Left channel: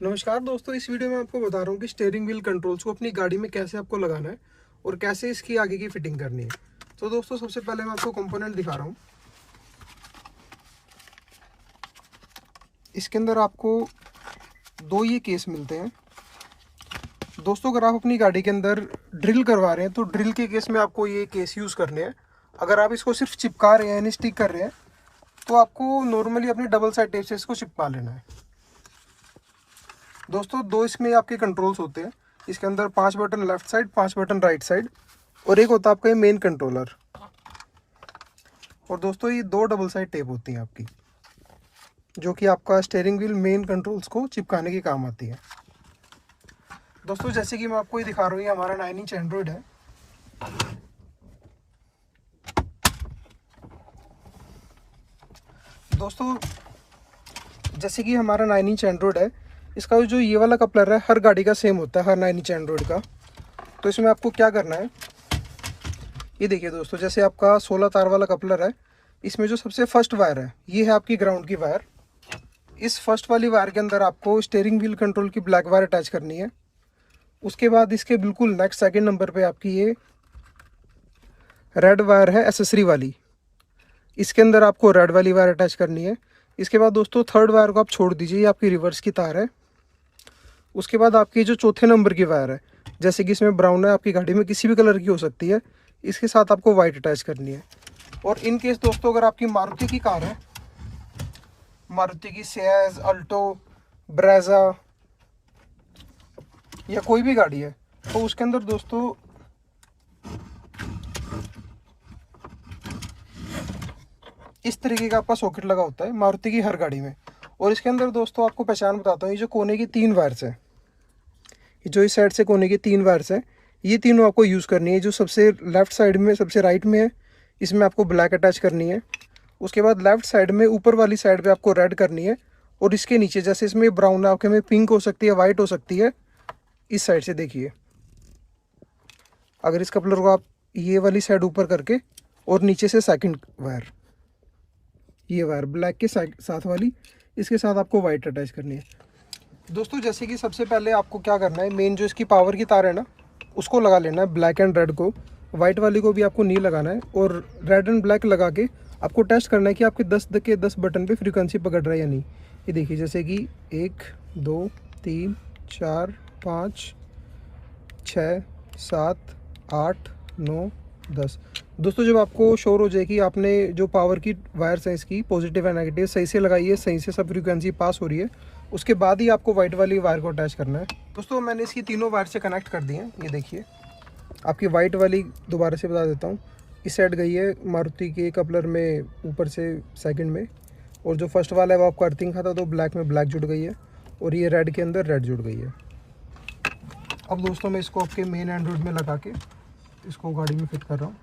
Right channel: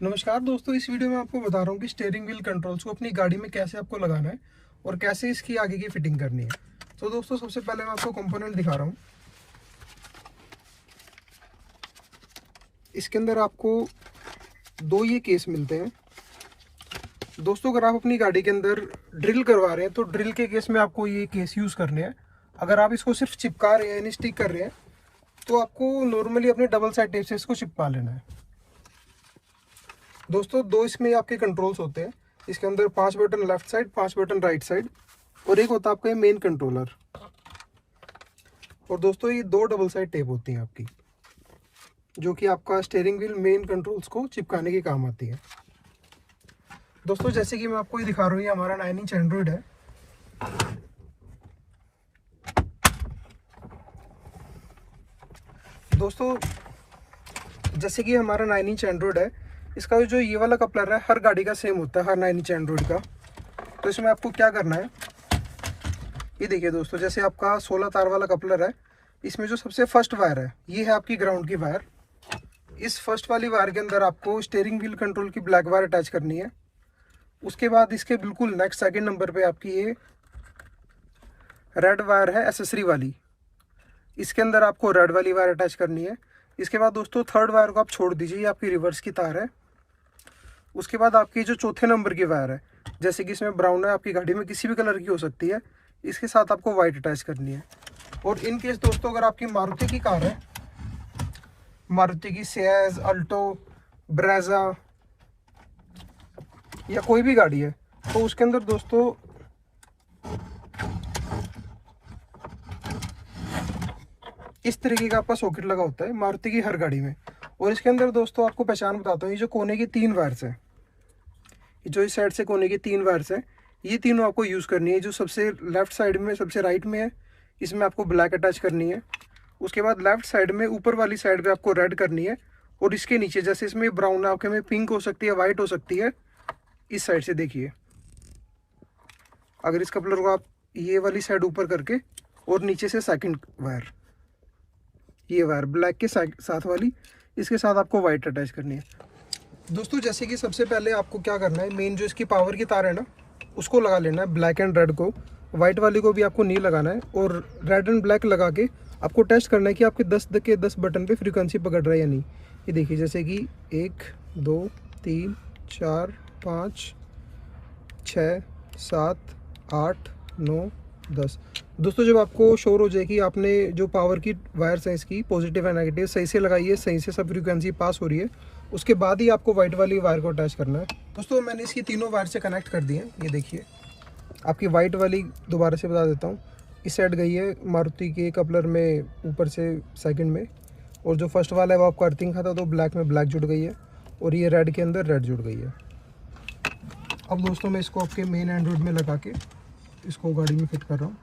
नमस्कार दोस्तों, इस वीडियो में आपको बता रहा हूँ कि स्टीयरिंग व्हील कंट्रोल्स को अपनी गाड़ी में कैसे आपको लगाना है और कैसे इसकी आगे की फिटिंग करनी है। तो दोस्तों, सबसे पहले मैं आपको कंपोनेंट दिखा रहा हूँ। इसके अंदर आपको दो ये केस मिलते हैं। दोस्तों, अगर आप अपनी गाड़ी के अंदर ड्रिल करवा रहे हैं तो ड्रिल के केस में आपको ये केस यूज़ करने हैं। अगर आप इसको सिर्फ चिपका रहे हैं यानी स्टिक कर रहे हैं तो आपको नॉर्मली अपने डबल साइड टेप से इसको चिपका लेना है। दोस्तों, दो इसमें आपके कंट्रोल्स होते हैं। इसके अंदर 5 button left side, 5 button right side और एक होता है आपका ये मेन कंट्रोलर। और दोस्तों, ये दो डबल साइड टेप होती हैं आपकी, जो कि आपका स्टीयरिंग व्हील मेन कंट्रोल्स को चिपकाने के काम आती है। दोस्तों, जैसे कि मैं आपको ये दिखा रहा हूँ, ये हमारा 9 इंच एंड्रॉइड है। दोस्तों, जैसे कि हमारा 9 इंच एंड्रॉइड है, इसका जो ये वाला कपलर है हर गाड़ी का सेम होता है, हर 9 इंच एंड्रॉइड का। तो इसमें आपको क्या करना है, ये देखिए दोस्तों, जैसे आपका 16 तार वाला कपलर है, इसमें जो सबसे फर्स्ट वायर है ये है आपकी ग्राउंड की वायर। इस फर्स्ट वाली वायर के अंदर आपको स्टीयरिंग व्हील कंट्रोल की ब्लैक वायर अटैच करनी है। उसके बाद इसके बिल्कुल नेक्स्ट सेकंड नंबर पे आपकी ये रेड वायर है एसेसरी वाली, इसके अंदर आपको रेड वाली वायर अटैच करनी है। इसके बाद दोस्तों, थर्ड वायर को आप छोड़ दीजिए, ये आपकी रिवर्स की तार है। उसके बाद आपकी जो चौथे नंबर की वायर है, जैसे कि इसमें ब्राउन है, आपकी गाड़ी में किसी भी कलर की हो सकती है, इसके साथ आपको वाइट अटैच करनी है। और इन केस दोस्तों, अगर आपकी मारुति की कार है, मारुति की सियाज, अल्टो, ब्रेजा या कोई भी गाड़ी है, तो उसके अंदर दोस्तों इस तरीके का आपका सॉकेट लगा होता है मारुति की हर गाड़ी में। और इसके अंदर दोस्तों आपको पहचान बताता हूँ, ये जो कोने की 3 वायर्स है, जो इस साइड से कोने की 3 वायर्स है, ये तीनों आपको यूज़ करनी है। जो सबसे लेफ्ट साइड में, सबसे राइट में है, इसमें आपको ब्लैक अटैच करनी है। उसके बाद लेफ्ट साइड में ऊपर वाली साइड पे आपको रेड करनी है। और इसके नीचे, जैसे इसमें ब्राउन है, आपके में पिंक हो सकती है, वाइट हो सकती है। इस साइड से देखिए, अगर इस कपलर को आप ये वाली साइड ऊपर करके और नीचे से सेकंड वायर, ये वायर ब्लैक के साथ वाली, इसके साथ आपको वाइट अटैच करनी है। दोस्तों, जैसे कि सबसे पहले आपको क्या करना है, मेन जो इसकी पावर की तार है ना, उसको लगा लेना है, ब्लैक एंड रेड को। वाइट वाली को भी आपको नहीं लगाना है। और रेड एंड ब्लैक लगा के आपको टेस्ट करना है कि आपके 10 के 10 बटन पे फ्रीक्वेंसी पकड़ रहा है या नहीं। ये देखिए, जैसे कि 1 2 3 4 5 6 7 8 9 10। दोस्तों, जब आपको श्योर हो जाए कि आपने जो पावर की वायर्स हैं इसकी पॉजिटिव एंड नेगेटिव सही से लगाई है, सही से सब फ्रीक्वेंसी पास हो रही है, उसके बाद ही आपको वाइट वाली वायर को अटैच करना है। दोस्तों, मैंने इसकी तीनों वायर से कनेक्ट कर दी हैं। ये देखिए, आपकी वाइट वाली दोबारा से बता देता हूँ, इस साइड गई है मारुति के कपलर में ऊपर से सेकंड में। और जो फर्स्ट वाला है वो आपका अर्थिंग खाता, तो ब्लैक में ब्लैक जुड़ गई है। और ये रेड के अंदर रेड जुड़ गई है। अब दोस्तों, मैं इसको आपके मेन एंड्रॉइड में लगा के इसको गाड़ी में फिट कर रहा हूँ।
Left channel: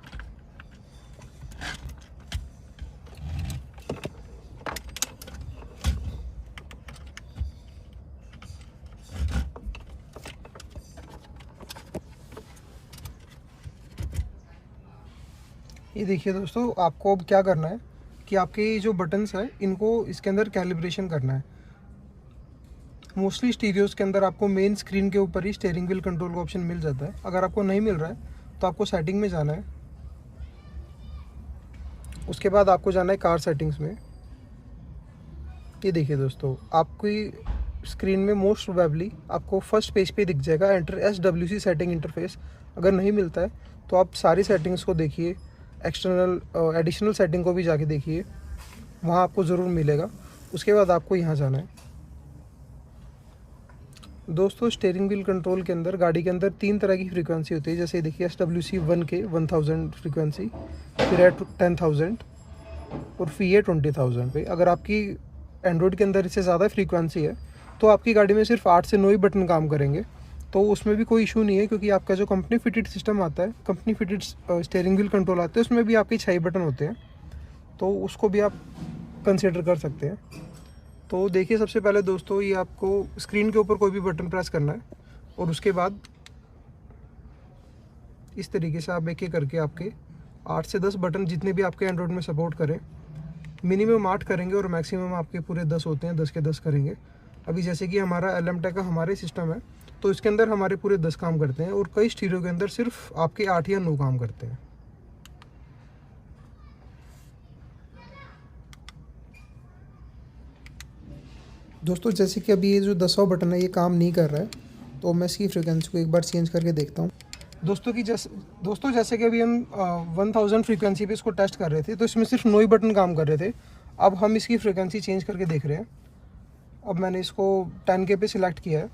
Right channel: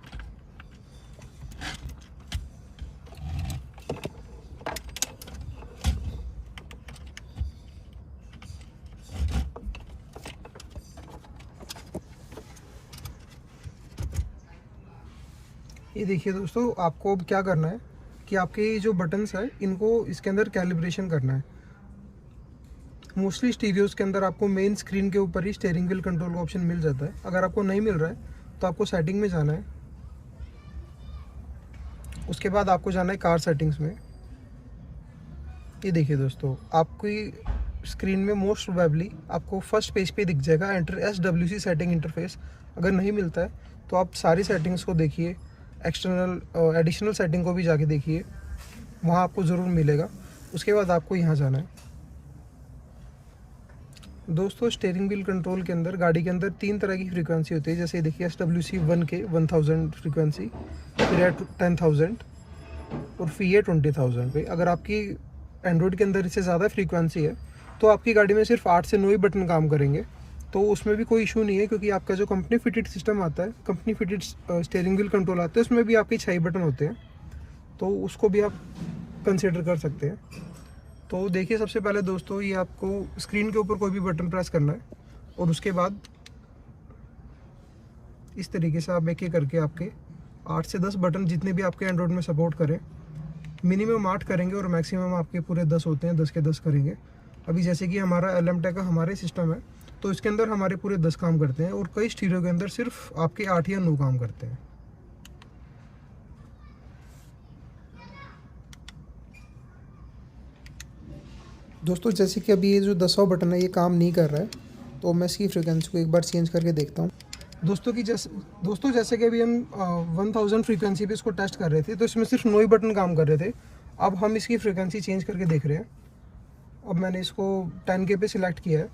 ये देखिए दोस्तों, आपको अब क्या करना है कि आपके जो बटन्स हैं इनको इसके अंदर कैलिब्रेशन करना है। मोस्टली स्टीरियोज़ के अंदर आपको मेन स्क्रीन के ऊपर ही स्टीयरिंग व्हील कंट्रोल का ऑप्शन मिल जाता है। अगर आपको नहीं मिल रहा है तो आपको सेटिंग में जाना है। उसके बाद आपको जाना है कार सेटिंग्स में। ये देखिए दोस्तों, आपकी स्क्रीन में मोस्ट प्रोबेबली आपको फर्स्ट पेज पे दिख जाएगा एंटर SWC सेटिंग इंटरफेस। अगर नहीं मिलता है तो आप सारी सेटिंग्स को देखिए, एक्सटर्नल एडिशनल सेटिंग को भी जाके देखिए, वहाँ आपको ज़रूर मिलेगा। उसके बाद आपको यहाँ जाना है। दोस्तों, स्टीयरिंग व्हील कंट्रोल के अंदर, गाड़ी के अंदर 3 तरह की फ्रीक्वेंसी होती है। जैसे देखिए, SWC 1K 1000 फ्रीक्वेंसी, फिर है 10,000 और फिर है 20,000 पे। अगर आपकी एंड्रॉइड के अंदर इससे ज़्यादा फ्रीक्वेंसी है तो आपकी गाड़ी में सिर्फ 8 से 9 ही बटन काम करेंगे, तो उसमें भी कोई इशू नहीं है, क्योंकि आपका जो कंपनी फिटेड सिस्टम आता है, company fitted steering wheel control आते हैं, उसमें भी आपके 6 बटन होते हैं, तो उसको भी आप कंसिडर कर सकते हैं। तो देखिए, सबसे पहले दोस्तों, ये आपको स्क्रीन के ऊपर कोई भी बटन प्रेस करना है और उसके बाद इस तरीके से आप एक एक करके आपके 8 से 10 बटन, जितने भी आपके एंड्रॉइड में सपोर्ट करें, मिनिमम 8 करेंगे और मैक्सिमम आपके पूरे 10 होते हैं, 10 के 10 करेंगे। अभी जैसे कि हमारा LM-Tech का हमारे सिस्टम है, तो इसके अंदर हमारे पूरे 10 काम करते हैं और कई स्टीरियो के अंदर सिर्फ आपके 8 या 9 काम करते हैं। दोस्तों जैसे कि अभी ये जो 10वां बटन है ये काम नहीं कर रहा है, तो मैं इसकी फ्रीक्वेंसी को एक बार चेंज करके देखता हूँ। दोस्तों जैसे कि अभी हम 1000 फ्रीक्वेंसी पे इसको टेस्ट कर रहे थे, तो इसमें सिर्फ 9 ही बटन काम कर रहे थे। अब हम इसकी फ्रीक्वेंसी चेंज करके देख रहे हैं। अब मैंने इसको 10K पे सिलेक्ट किया है।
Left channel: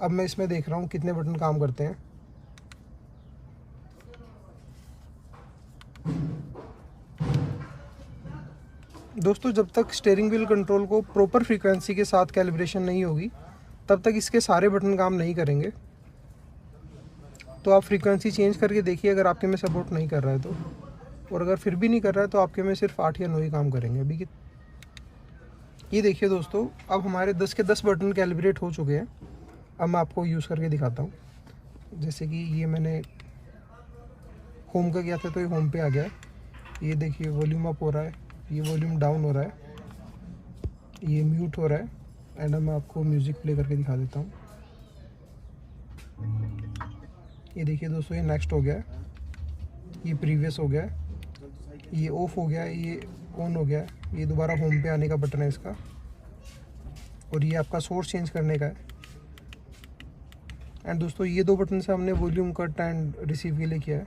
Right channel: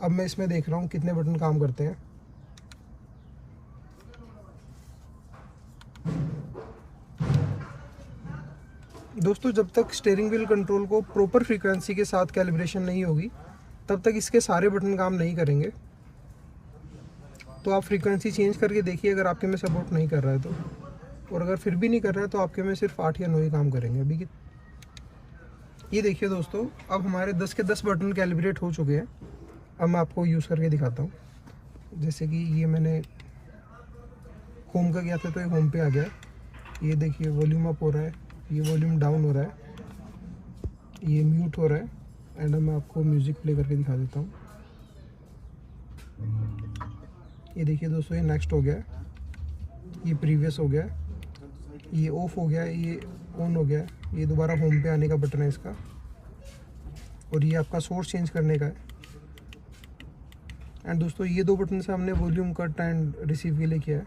अब मैं इसमें देख रहा हूँ कितने बटन काम करते हैं। दोस्तों जब तक स्टीयरिंग व्हील कंट्रोल को प्रॉपर फ्रीक्वेंसी के साथ कैलिब्रेशन नहीं होगी, तब तक इसके सारे बटन काम नहीं करेंगे। तो आप फ्रीक्वेंसी चेंज करके देखिए, अगर आपके में सपोर्ट नहीं कर रहा है तो, और अगर फिर भी नहीं कर रहा है तो आपके में सिर्फ 8 या 9 ही काम करेंगे। अभी की ये देखिए दोस्तों, अब हमारे 10 के 10 बटन कैलिब्रेट हो चुके हैं। अब मैं आपको यूज़ करके दिखाता हूँ। जैसे कि ये मैंने होम का किया था, तो ये होम पे आ गया। ये देखिए वॉल्यूम अप हो रहा है, ये वॉल्यूम डाउन हो रहा है, ये म्यूट हो रहा है। एंड मैं आपको म्यूज़िक प्ले करके दिखा देता हूँ। ये देखिए दोस्तों, ये नेक्स्ट हो गया, ये प्रीवियस हो गया, ये ऑफ हो गया, ये ऑन हो गया। ये दोबारा होम पे आने का बटन है इसका, और ये आपका सोर्स चेंज करने का है। एंड दोस्तों ये 2 बटन से हमने वॉल्यूम कट एंड रिसीव के लिए किया है।